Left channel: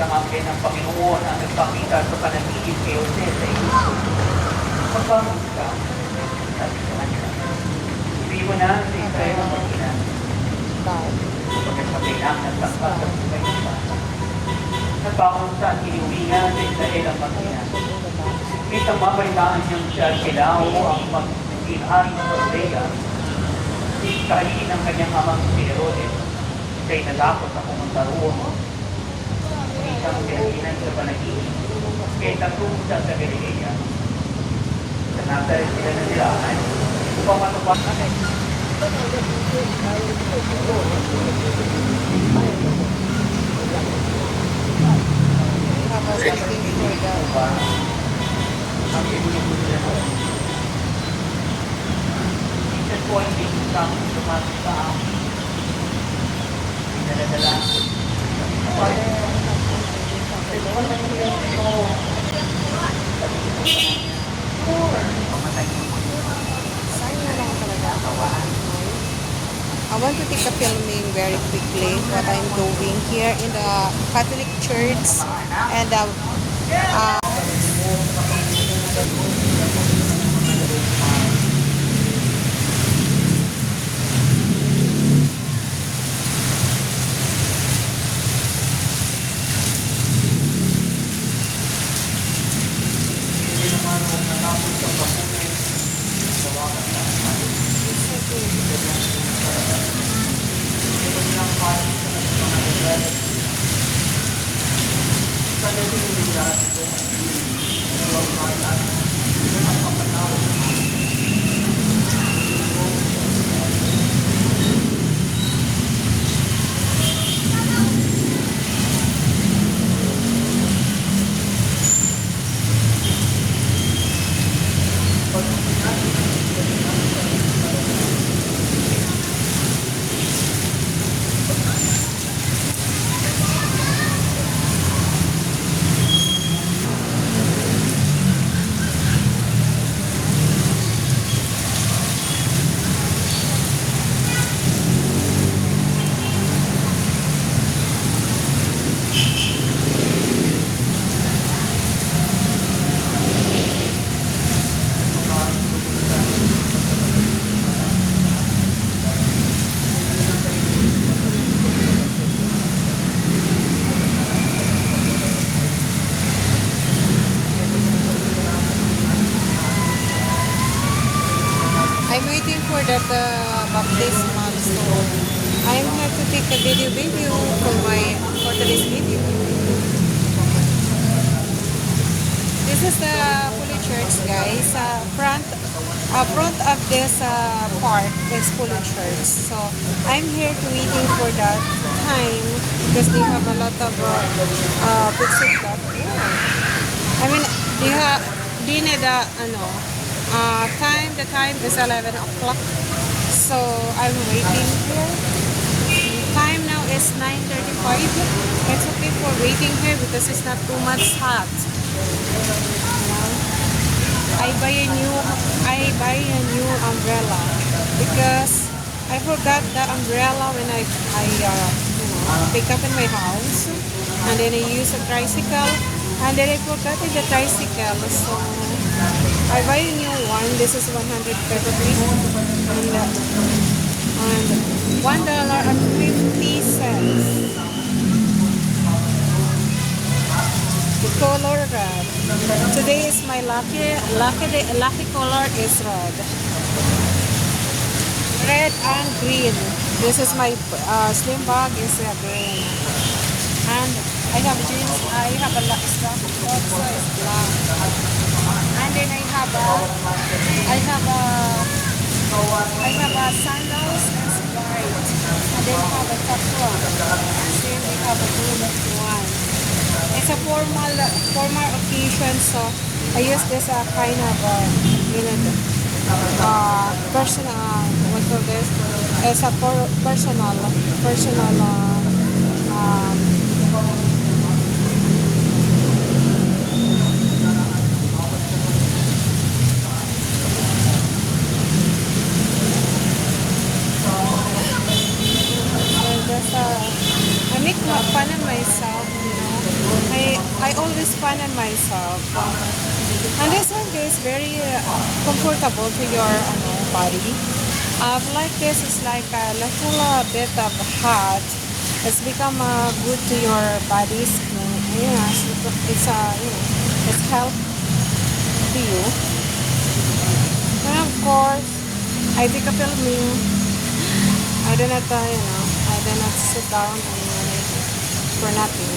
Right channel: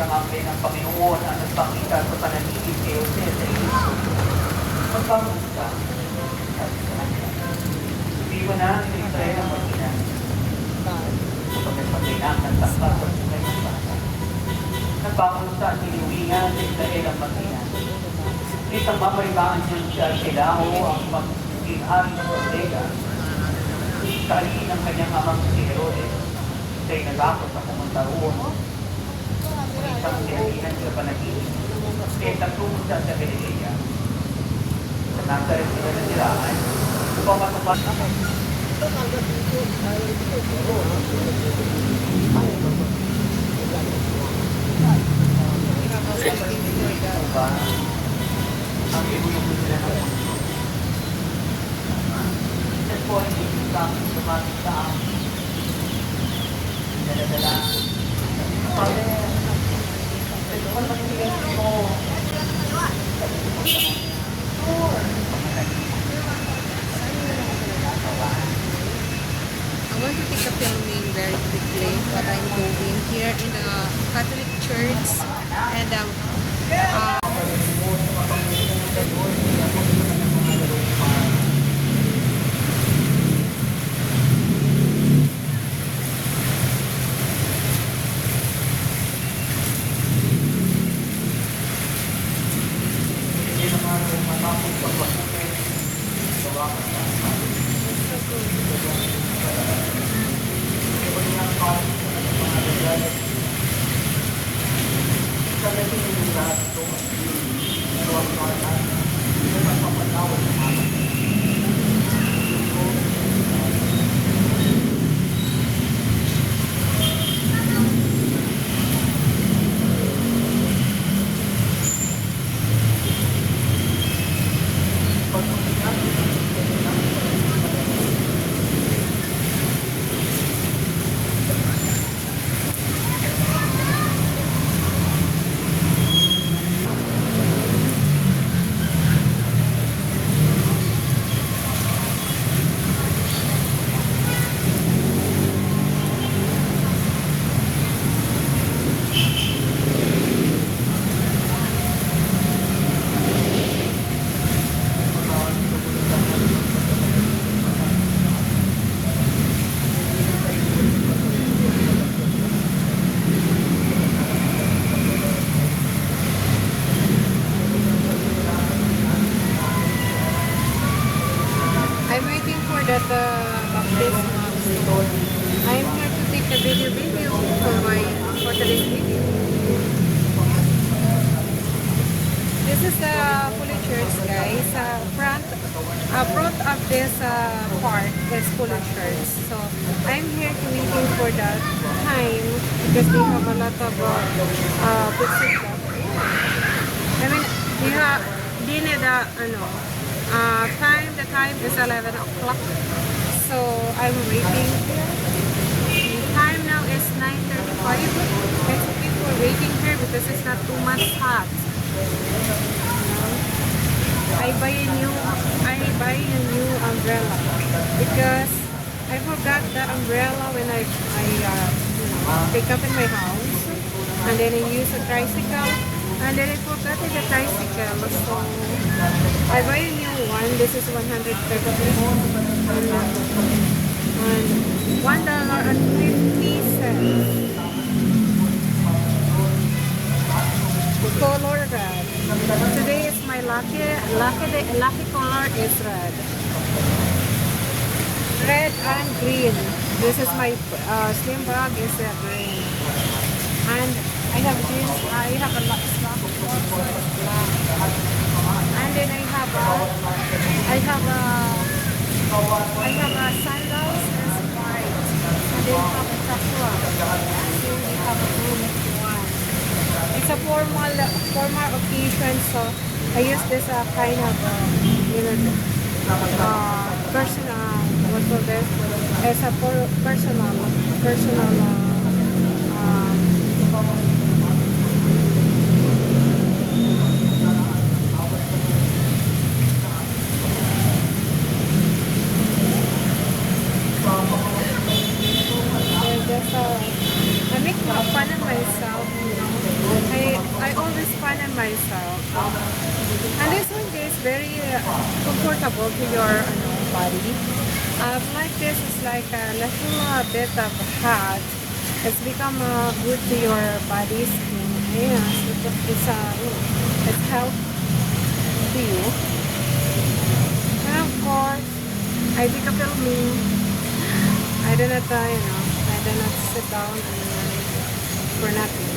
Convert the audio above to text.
Isang anghel ng Panginoon ang nagpakita sa panaginip kay Jose sa Egypto. Magbangon ka, sabi sa kanya. Iwan na sa Israel ang mag-ina. Kapag kailangan bakbak sa buhay ng bata. Nagbangon sa iniuwingan sa Israel ang mag-ina. Ngunit ang mabalimaan niyang siya Silao ang magiging hari sa Judea. Kahalin ng kanyang amang si Herodes. Siya'y nagakot na pumunta roon. Isang dinahinan sa panaginip. Kaya nagtungo siya sa Galilea. Sa Nazaret sila na nilaman. Upang matupad na ang ibunin nila noon. Minsan po hindi kang sumapit sa amin. Dala-dala. Sabi ko, kailangan mag-ilan ko. I want to take a filming very quickly what I'm doing here in the Catholic Church and I'm waiting for that baptismal. So I'm going to take a video for today's video. This is the Holy Church, guys. Front of this part is Holy Church. So I'm here to waiting for that time because they have a lot of picture block. I mean, they need the time is 11 o'clock. So I'm waiting here. Time now is 9:35. It's okay for waiting here because it's not too much hot. I buy a new umbrella because I forgot the umbrella when I pick up in my house, and then I use a tricycle, and then I forgot in the tricycle. So I buy a new one. This is 150 and $1.50. The color red. Today is my lucky color is red. Red and green. This is my slim bag is green. And I have jeans. I have a black strap. Also is black. And then I have a sandals is white. And then I have a top one. And then I have a blue one. It's a formal occasion, so I use this kind of personal. What for this? It's a personal. I make fun of myself, always find on myself. And this one is very comfortable to your body. Like this is like a little bit of hot. It's become good to your body skin. Yeah, so it's help to you. And of course, I take a pill me. I do not sit down and for nothing.